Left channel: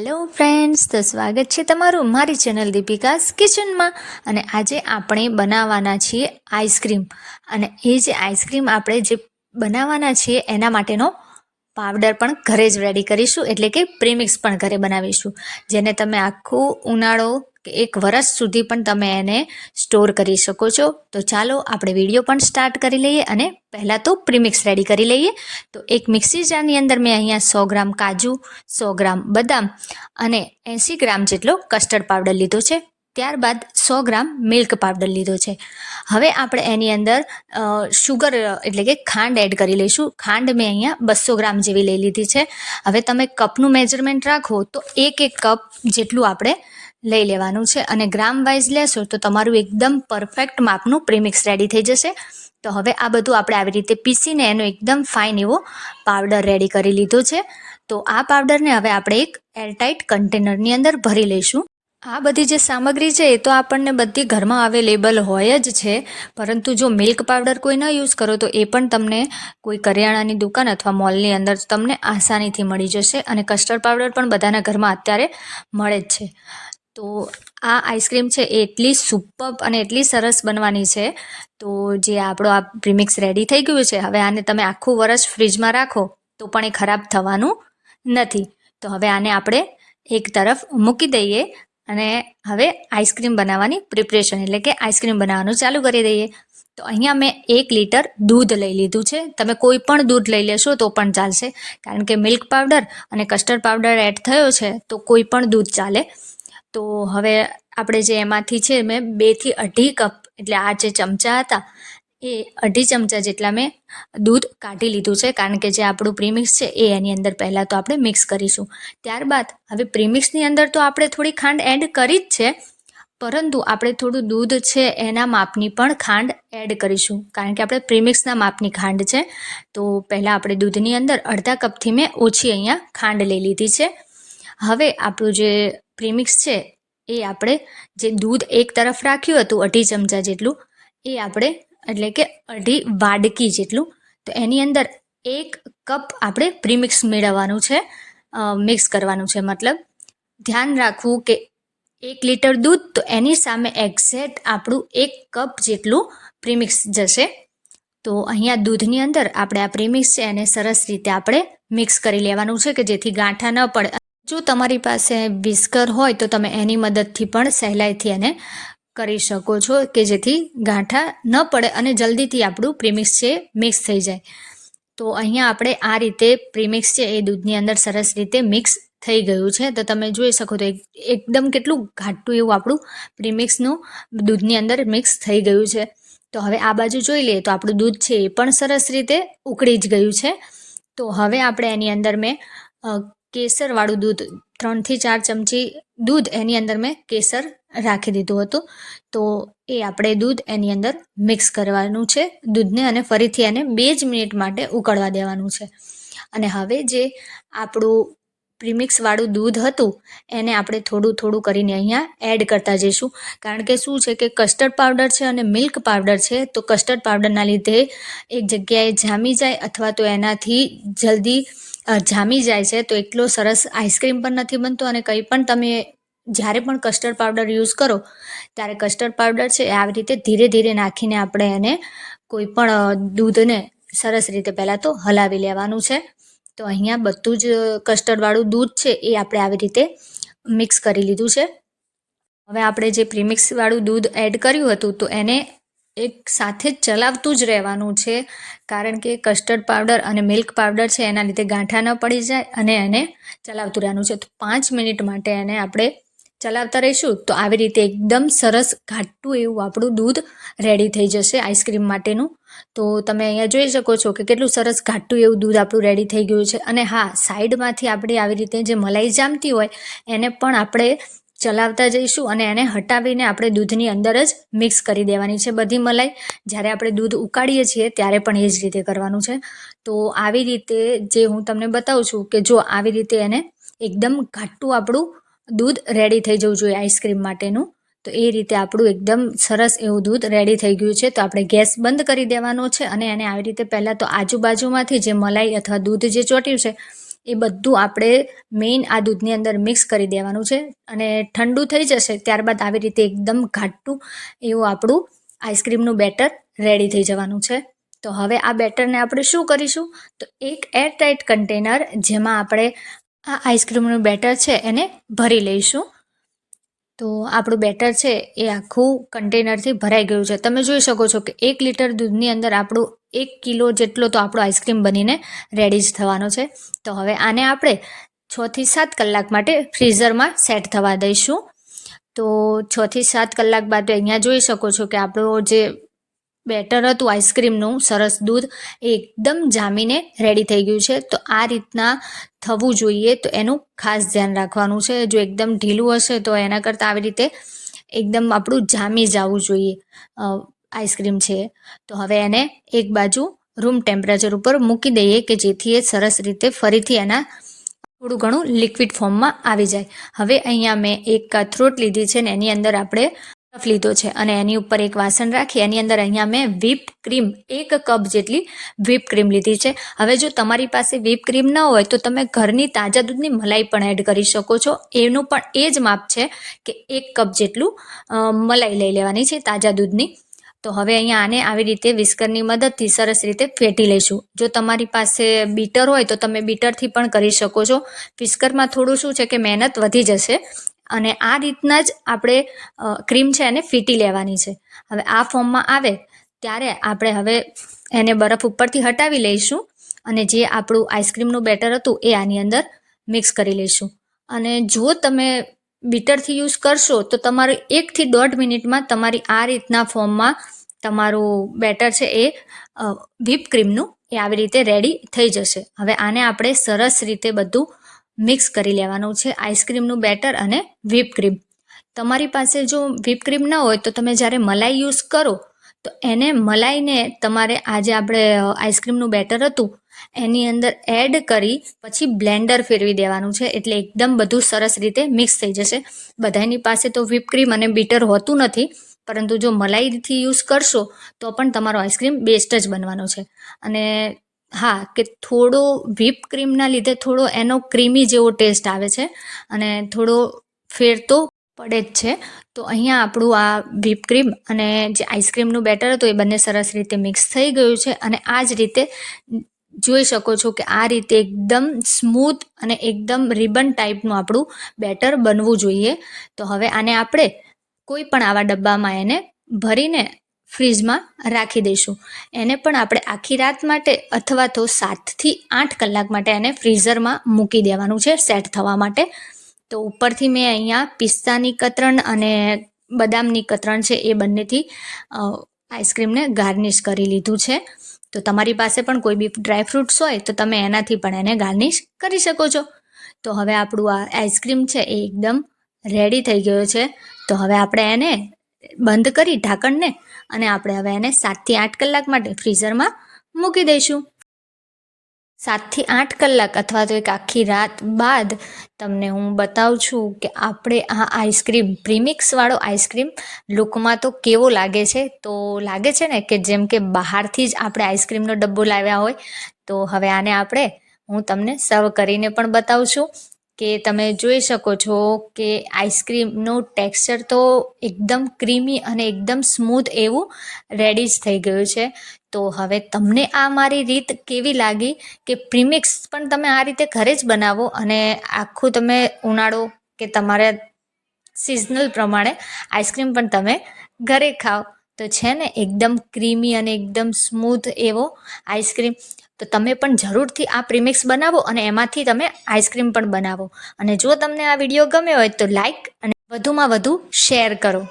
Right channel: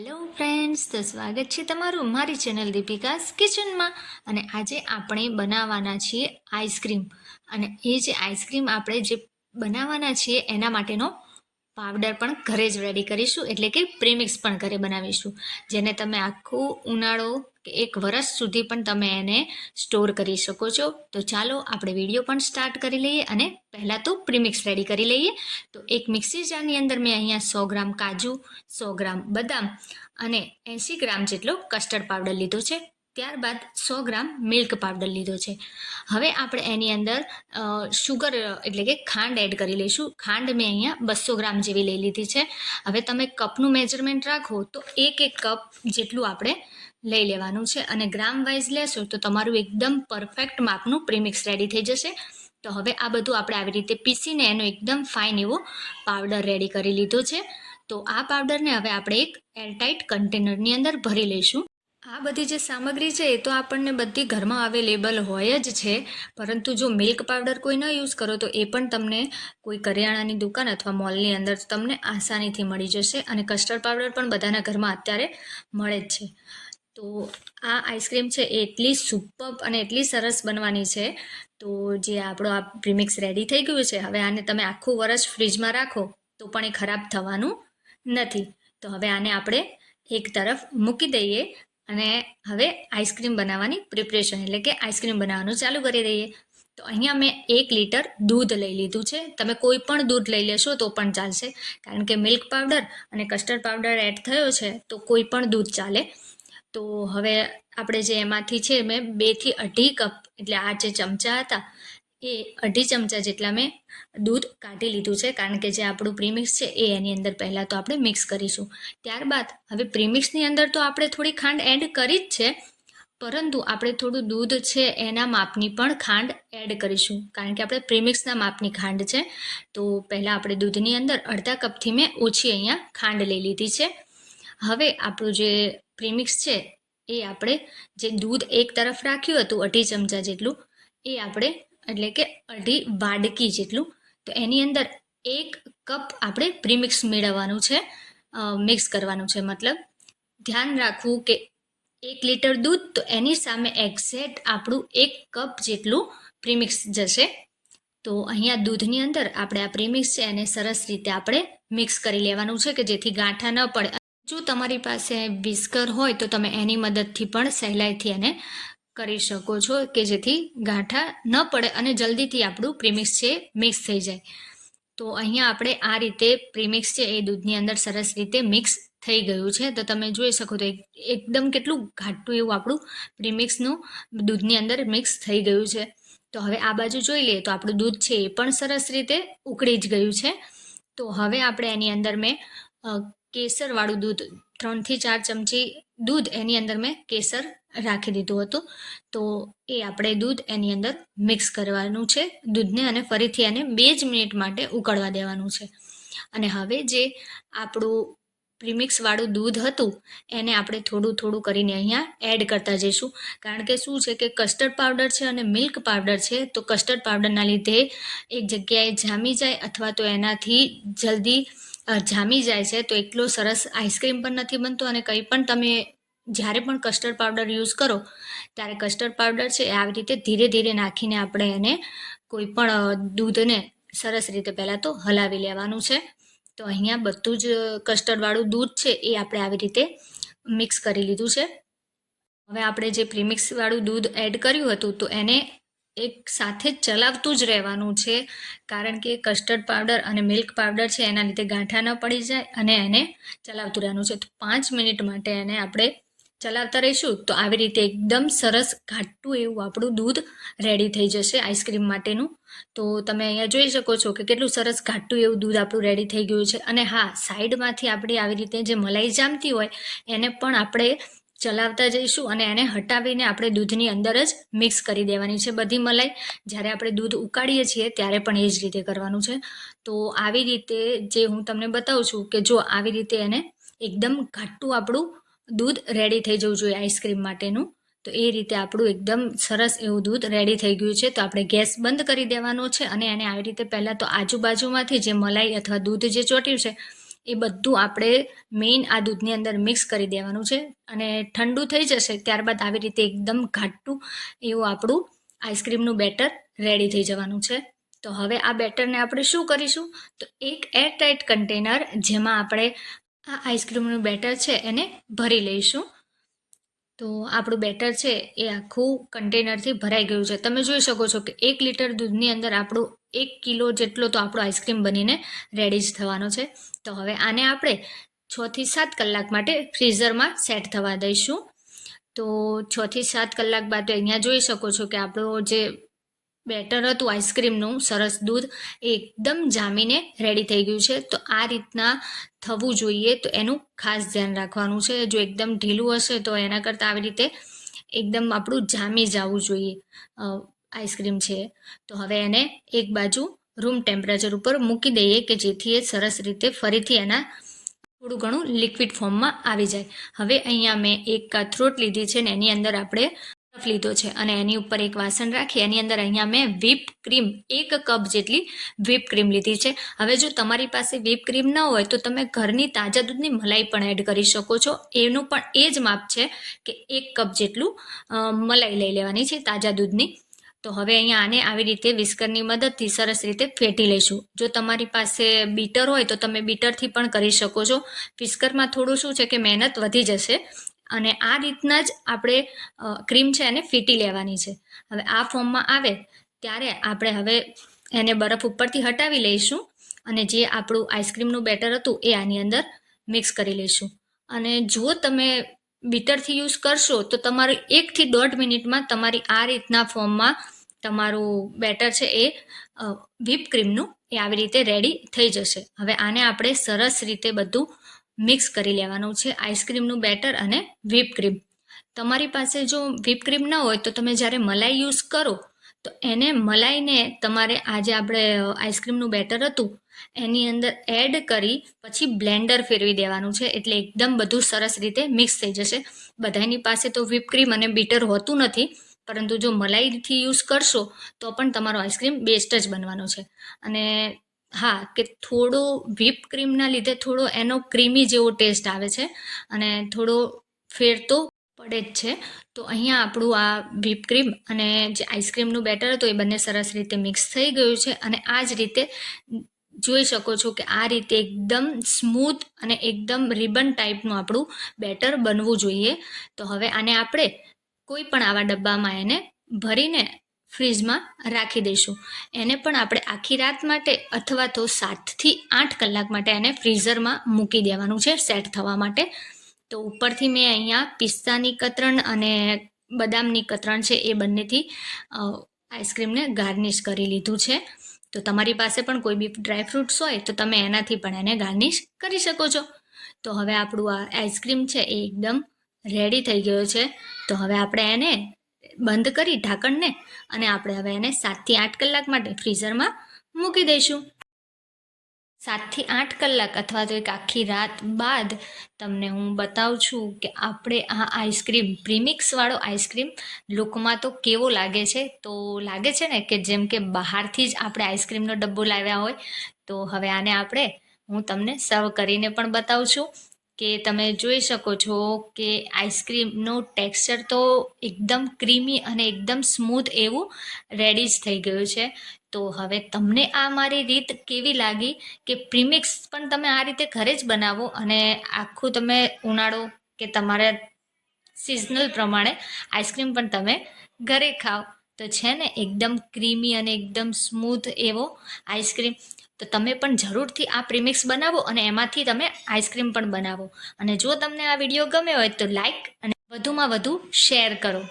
Hello friends તો સ્વાગત છે તમારું મારી ચેનલ દીપિકાસ કિચનમાં. અને આજે આપણે બનાવવાના છીએ આઈસ્ક્રીમ. અને એ જે આઈસ્ક્રીમ આપણે જે બનાવવાના છીએ એના માટેનો પાવડર પણ ઘરે જ રેડી કરીશું, એટલે કે પ્રીમિક્સ પણ ઘરે બનાવીશું. જેને તમે આખું ઉનાળો કે એક વરસ સુધી પણ તમે એને સ્ટોર કરી શકો છો. તો ચાલો આપણે વીડિયો પણ સ્ટાર્ટ કરી લઈએ અને પહેલાં તો પ્રીમિક્સ રેડી કરી લઈએ. તો એક મિક્સી જારની અંદર મેં અહીંયા સો ગ્રામ કાજુ, સો ગ્રામ બદામ અને એંસી ગ્રામ જેટલો કસ્ટર્ડ પાવડર લીધો છે. ત્યારબાદ સો ગ્રામ મિલ્ક પાવડર લીધો છે. હવે આપણે એની અંદર શુગર એટલે કે ખાંડ એડ કરી લઈશું. ખાંડ મેં અહીંયા બસો ગ્રામ જેવી લઈ લીધી છે. હવે તમે કપનું મેજરમેન્ટ રાખો તો એક એક કપ જેટલું આપણે લઈ લેવાનું છે. અને ગ્રામ વાઇઝ લેશો તો તમારું એકદમ પરફેક્ટ માપનું પ્રીમિક્સ રેડી થઈ જશે. તો હવે આ બધું આપણે આવી રીતે પીસીને એનો એકદમ ફાઇન એવો પાવડર રેડી કરી લીધો છે. તો આ પાવડરને હવે આપણે એક એરટાઇટ કન્ટેનરની અંદર ભરી લઈશું. આ બધી જે સામગ્રી છે એ તો આપણને બધી ઘરમાં અવેલેબલ હોય જ છે. પરંતુ જો મિલ્ક પાવડર કોઈ ન યુઝ કરો તો એ પણ તમને કોઈ કરિયાણાની દુકાન અથવા મોલની અંદર તમને આસાનીથી મળી જશે અને કસ્ટર્ડ પાવડર પણ બધાના ઘરમાં અત્યારે મળે જ છે. તો આ આઈસ્ક્રીમ છે એ એટલી સુપર અને એટલી સરસ બનવાની છે. તો જે આપણો આ પ્રીમિક્સ રેડી થઈ ગયું છે, હવે આને તમે આખું વરસ ફ્રીજમાં રાખો તો પણ એ ખરાબ થવાનું નથી. તો હવે આને આપણે એક તરફ મૂકી દઈએ અને હવે આઈસ્ક્રીમ બનાવવાની પ્રિપરેશન, એટલે કે આઈસ્ક્રીમ બનાવવાનું ચાલુ કરી દઈએ. તો અહીંયા મેં એક લીટર દૂધ લઈ લીધું છે. તમે કોઈ પણ દૂધ લઈ લેશો તો પણ ચાલશે. કારણ કે મિલ્ક પાવડર અને કસ્ટર્ડ પાવડર એડ થયો છે તો કોઈ પણ દૂધ ચાલે. તો હવે આપણે જે એમાંથી છે, મેં બેથી અઢી કપ, એટલે આ જે ચમચા હતા એ અઢી ચમચા જેટલા મેં દૂધ કાઢી લીધું છે, કારણ કે જે આપણું પ્રીમિક્સ છે એ એની અંદર પહેલાં તો આપણે મિક્સ કરીશું. ત્યારબાદ હવે પ્રીમિક્સની અંદર તો આપણે થોડી ખાંડ એડ કરી જ છે, પરંતુ આપણે થોડું દૂધ છે એના માપની પણ ખાંડ એડ કરીશું, કારણ કે આપણે પ્રીમિક્સના માપની ખાંડ છે. તો પહેલાં આપણે દૂધની અંદર અડધા કપથી મેં ઓછી અહીંયા ખાંડ લઈ લીધી છે. હવે આપણું જે પ્રીમિક્સ છે એ આપણે જે દૂધ એક તરફ રાખ્યું હતું, અઢી ચમચા જેટલું, એ આપણે એટલે કે અઢી વાડકી જેટલું. તો એની અંદર એક કપ આપણે પ્રીમિક્સ મેળવવાનું છે. મિક્સ કરવાનું છે મતલબ. ધ્યાન રાખવું કે એક લીટર દૂધ, તો એની સામે એક્ઝેક્ટ આપણું એક કપ જેટલું પ્રીમિક્સ જશે. તો અહીંયા દૂધની અંદર આપણે આ પ્રીમિક્સ છે, એને સરસ રીતે આપણે મિક્સ કરી લેવાનું છે કે જેથી ગાંઠા ન પડે. જો તમારી પાસે વિસ્કર હોય, તો તમે એની મદદથી પણ સહેલાઈથી એને કરી શકો છો કે જેથી ગાંઠા ન પડે અને જલ્દીથી આપણું પ્રીમિક્સ છે મિક્સ થઈ જાય. તો અહીંયા આપણે આ રીતે પ્રીમિક્સ છે એ દૂધની અંદર સરસ રીતે મિક્સ થઈ ગયું છે. તો તમે જોઈ શકો તો એકદમ કેટલું ઘાટું એવું આપણું પ્રીમિક્સનું દૂધની અંદર મિક્સ થઈ ગયું છે. તો હવે આ બાજુ જોઈ લઈએ તો આપણું દૂધ છે એ પણ સરસ રીતે ઉકળી જ ગયું છે. તો હવે આપણે એની અંદર મેં કેસરવાળું દૂધ, ત્રણથી ચાર ચમચી દૂધ એની અંદર મેં કેસર રાખી દીધું હતું. તો એ આપણે દૂધ એની અંદર મિક્સ કરવાનું છે. દૂધને અને ફરીથી એને બે જ મિનિટ માટે ઉકળવા દેવાનું છે. અને હવે જે આપણું પ્રીમિક્સવાળું દૂધ હતું, એને આપણે થોડું થોડું કરીને અહીંયા એડ કરતા જઈશું. કારણ કે શું છે કે કસ્ટર્ડ પાવડર છે અને મિલ્ક પાવડર છે, તો કસ્ટર્ડ પાવડરના લીધે એક જગ્યાએ જામી જાય અથવા તો એનાથી જલ્દી જામી જાય છે, તો એટલો સરસ આઈસ્ક્રીમ પણ નથી બનતો અને કંઈ પણ તમે જ્યારે પણ કસ્ટર્ડ પાવડર યુઝ કરો, ત્યારે કસ્ટર્ડ પાવડર છે એ આવી રીતે ધીરે ધીરે નાખીને આપણે એને કોઈ પણ દૂધને સરસ રીતે પહેલાં તો હલાવી લેવાનું છે. તો અહીંયા બધું જ કસ્ટર્ડવાળું દૂધ છે એ આપણે આવી રીતે મિક્સ કરી લીધું છે. હવે આપણે જે પ્રીમિક્સવાળું દૂધ એડ કર્યું હતું તો એને એક સાથે જ ચલાવતું જ રહેવાનું છે. કારણ કે કસ્ટર્ડ પાવડર અને મિલ્ક પાવડર છે એના લીધે ગાંઠા ન પડી જાય અને એને ચલાવતું રહેવાનું છે. તો પાંચ મિનિટ માટે એને આપણે ચલાવતા રહીશું તો આવી રીતે એકદમ સરસ ઘાટું એવું આપણું દૂધ રેડી થઈ જશે આઈસ્ક્રીમ માટેનું. તો તમે અહીંયા જોઈ શકો છો કે કેટલું સરસ ઘાટું એવું દૂધ આપણું રેડી થઈ ગયું છે. અને હા, સાઈડમાંથી આપણે આવી રીતે જે મલાઈ જામતી હોય, એને પણ આપણે ચલાવતા જઈશું અને એને હટાવીને આપણે દૂધની અંદર જ મિક્સ કરી દેવાની છે બધી મલાઈ. જ્યારે આપણે દૂધ ઉકાળીએ છીએ ત્યારે પણ એ જ રીતે કરવાનું છે. તો આવી રીતે જે હું તમને બતાવું છું કે જો આવી રીતે એને એકદમ ઘાટું આપણું દૂધ રેડી થઈ જવું જોઈએ આઈસ્ક્રીમ માટેનું. તો એ રીતે આપણું એકદમ સરસ એવું દૂધ રેડી થઈ ગયું છે. તો આપણે ગેસ બંધ કરી દેવાનો છે અને એને આવી રીતે પહેલાં તો આજુબાજુમાંથી જે મલાઈ અથવા દૂધ જે ચોટ્યું છે, એ બધું આપણે મેઇન આ દૂધની અંદર મિક્સ કરી દેવાનું છે. અને ઠંડુ થઈ જશે ત્યારબાદ આવી રીતે એકદમ ઘાટું એવું આપણું આઈસ્ક્રીમનું બેટર રેડી થઈ જવાનું છે. તો હવે આ બેટરને આપણે શું કરીશું? તો એક એરટાઇટ કન્ટેનર જેમાં આપણે આ આઈસ્ક્રીમનું બેટર છે, એને ભરી લઈશું. તો આપણું બેટર છે, એ આખું કન્ટેનરથી ભરાઈ ગયું છે. તમે જોઈ શકો છો કે એક લીટર દૂધની અંદર આપણું એક કિલો જેટલો તો આપણો આઈસ્ક્રીમ બનીને રેડી જ થવાનો છે. તો હવે આને આપણે છથી સાત કલાક માટે ફ્રીઝરમાં સેટ થવા દઈશું. તો છથી સાત કલાક બાદ અહીંયા જોઈ શકો છો કે આપણો જે બેટર હતું આઈસ્ક્રીમનું, સરસ દૂધ, એકદમ જામીને રેડી થઈ ગયું છે. તો આ રીતના થવું જોઈએ, તો એનું ખાસ ધ્યાન રાખવાનું છે. જો એકદમ ઢીલું હશે, તો એના કરતાં આવી રીતે એકદમ આપણું જામી જવું જોઈએ આઈસ્ક્રીમ છે. તો હવે એને એક બાજુ રૂમ ટેમ્પરેચર ઉપર મૂકી દઈએ કે જેથી એ સરસ રીતે ફરીથી એના થોડું ઘણું લિક્વિડ ફોર્મમાં આવી જાય. હવે અહીંયા મેં એક કથરોટ લીધી છે ને એની અંદર આપણે બરફ લીધો છે અને એની ઉપર એક વાસણ રાખી, એની અંદર અહીંયા મેં વ્હીપ ક્રીમ એક કપ જેટલી વ્હીપ ક્રીમ લીધી છે. હવે જો તમારી પાસે વ્હીપ ક્રીમ ન હોય તો તમે ઘરની તાજા દૂધની મલાઈ પણ એડ કરી શકો છો. એનું પણ એ જ માપ છે કે એક કપ જેટલું મલાઈ લઈ લેવાની છે તાજા દૂધની. તો હવે અહીંયા આને આવી રીતે વિસ્કરની મદદથી સરસ રીતે ફેટી લઈશું. જો તમારી પાસે બીટર હોય તો તમે બીટરથી પણ કરી શકો છો. વિસ્કરમાં થોડું શું છે કે મહેનત વધી જશે. અને આ રીતના જ આપણે ક્રીમ છે એને ફીટી લેવાની છે. હવે આ ફોર્મમાં આવે ત્યારે આપણે હવે એને બરફ ઉપરથી હટાવી લઈશું અને જે આપણું આઈસ્ક્રીમનું બેટર હતું એ આની અંદર મિક્સ કરી લઈશું. અને જો તમે બીટરથી યુઝ કરશો તો તમારે એકથી દોઢ મિનિટમાં તમારી આ રીતના ફોર્મમાં તમારું બેટર છે એ વ્હીપ ક્રીમનું એ આવી રીતે રેડી થઈ જશે. હવે આને આપણે સરસ રીતે બધું મિક્સ કરી લેવાનું છે આઈસ્ક્રીમનું બેટર અને વ્હીપ ક્રીમ તમારી પાસે જો વ્હીપ ન હોય તો તમે જ્યારે મલાઈ યુઝ કરો, તો એને મલાઈને તમારે આજે આપણે આઈસ્ક્રીમનું બેટર હતું, એની અંદર એડ કરી પછી બ્લેન્ડર ફેરવી દેવાનું છે. એટલે એકદમ બધું સરસ રીતે મિક્સ થઈ જશે. બધાની પાસે તો વ્હીપ ક્રીમ અને બીટર હોતું નથી, પરંતુ જો મલાઈથી યુઝ કરશો, તો પણ તમારો આઈસ્ક્રીમ બેસ્ટ જ બનવાનો છે. અને હા, કે થોડો વ્હીપ ક્રીમના લીધે થોડો એનો ક્રીમી જેવો ટેસ્ટ આવે છે અને થોડો ફેર તો પડે જ છે. તો અહીંયા આપણું આ વ્હીપ ક્રીમ અને જે આઈસ્ક્રીમનું બેટર હતું એ બંને સરસ રીતે મિક્સ થઈ ગયું છે અને આ જ રીતે જોઈ શકો છો કે આ રીતે એકદમ સ્મૂથ અને એકદમ રિબન ટાઈપનું આપણું બેટર બનવું જોઈએ. તો હવે આને આપણે કોઈ પણ આવા ડબ્બામાં એને ભરીને ફ્રીજમાં રાખી દઈશું. એને પણ આપણે આખી રાત માટે અથવા તો સાતથી આઠ કલાક માટે એને ફ્રીઝરમાં મૂકી દેવાનું છે સેટ થવા માટે. તો ઉપરથી મેં અહીંયા પિસ્તાની કતરણ અને બદામની કતરણ છે એ બંનેથી આઈસ્ક્રીમને ગાર્નિશ કરી લીધું છે. તો તમારી પાસે પણ કોઈ બી ડ્રાય ફ્રૂટ્સ હોય તો તમે એનાથી પણ એને ગાર્નિશ કરી શકો છો. તો હવે આપણું આ આઈસ્ક્રીમ છે એ એકદમ રેડી થઈ ગયો છે. તો હવે આપણે એને બંધ કરી ઢાંકણને અને આપણે હવે એને સાતથી આઠ કલાક માટે ફ્રીઝરમાં મૂકી દઈશું. સાતથી આઠ કલાક અથવા તો એક આખી રાત બાદ તમને હું બતાવું છું કે આપણે આ આઈસ્ક્રીમ, પ્રીમિક્સવાળો આઈસ્ક્રીમ લુકમાં તો કેવો લાગે છે? તો લાગે છે ને કે જેમ કે બહારથી જ આપણે આઈસ્ક્રીમનો ડબ્બો લાવ્યા હોય, તો હવે આને આપણે હું તમને સર્વ કરીને પણ બતાવું છું. કે તમે જોઈ શકો છો કે આઈસ્ક્રીમનું ટેક્સચર તો એકદમ ક્રીમી અને એકદમ સ્મૂથ એવું રેડી જ થઈ ગયું છે. તો હવે તમને આ મારી રીત કેવી લાગી કે પ્રીમિક્સ પણ તમે આ રીતે ઘરે જ બનાવો અને આખું તમે ઉનાળો કે તમારે સિઝનલ પ્રમાણે આઈસ્ક્રીમ પણ તમે ઘરે ખાઓ. તો છે ને એકદમ ક્રીમી અને એકદમ સ્મૂથ એવો આઈસ્ક્રીમ. તો તમે પણ જરૂરથી આ પ્રીમિક્સ બનાવો અને એમાંથી તમે આઈસ્ક્રીમ પણ બનાવો. અને જો તમને આ વીડિયો ગમ્યો હોય તો લાઈક અને વધુમાં વધુ શેર કરો.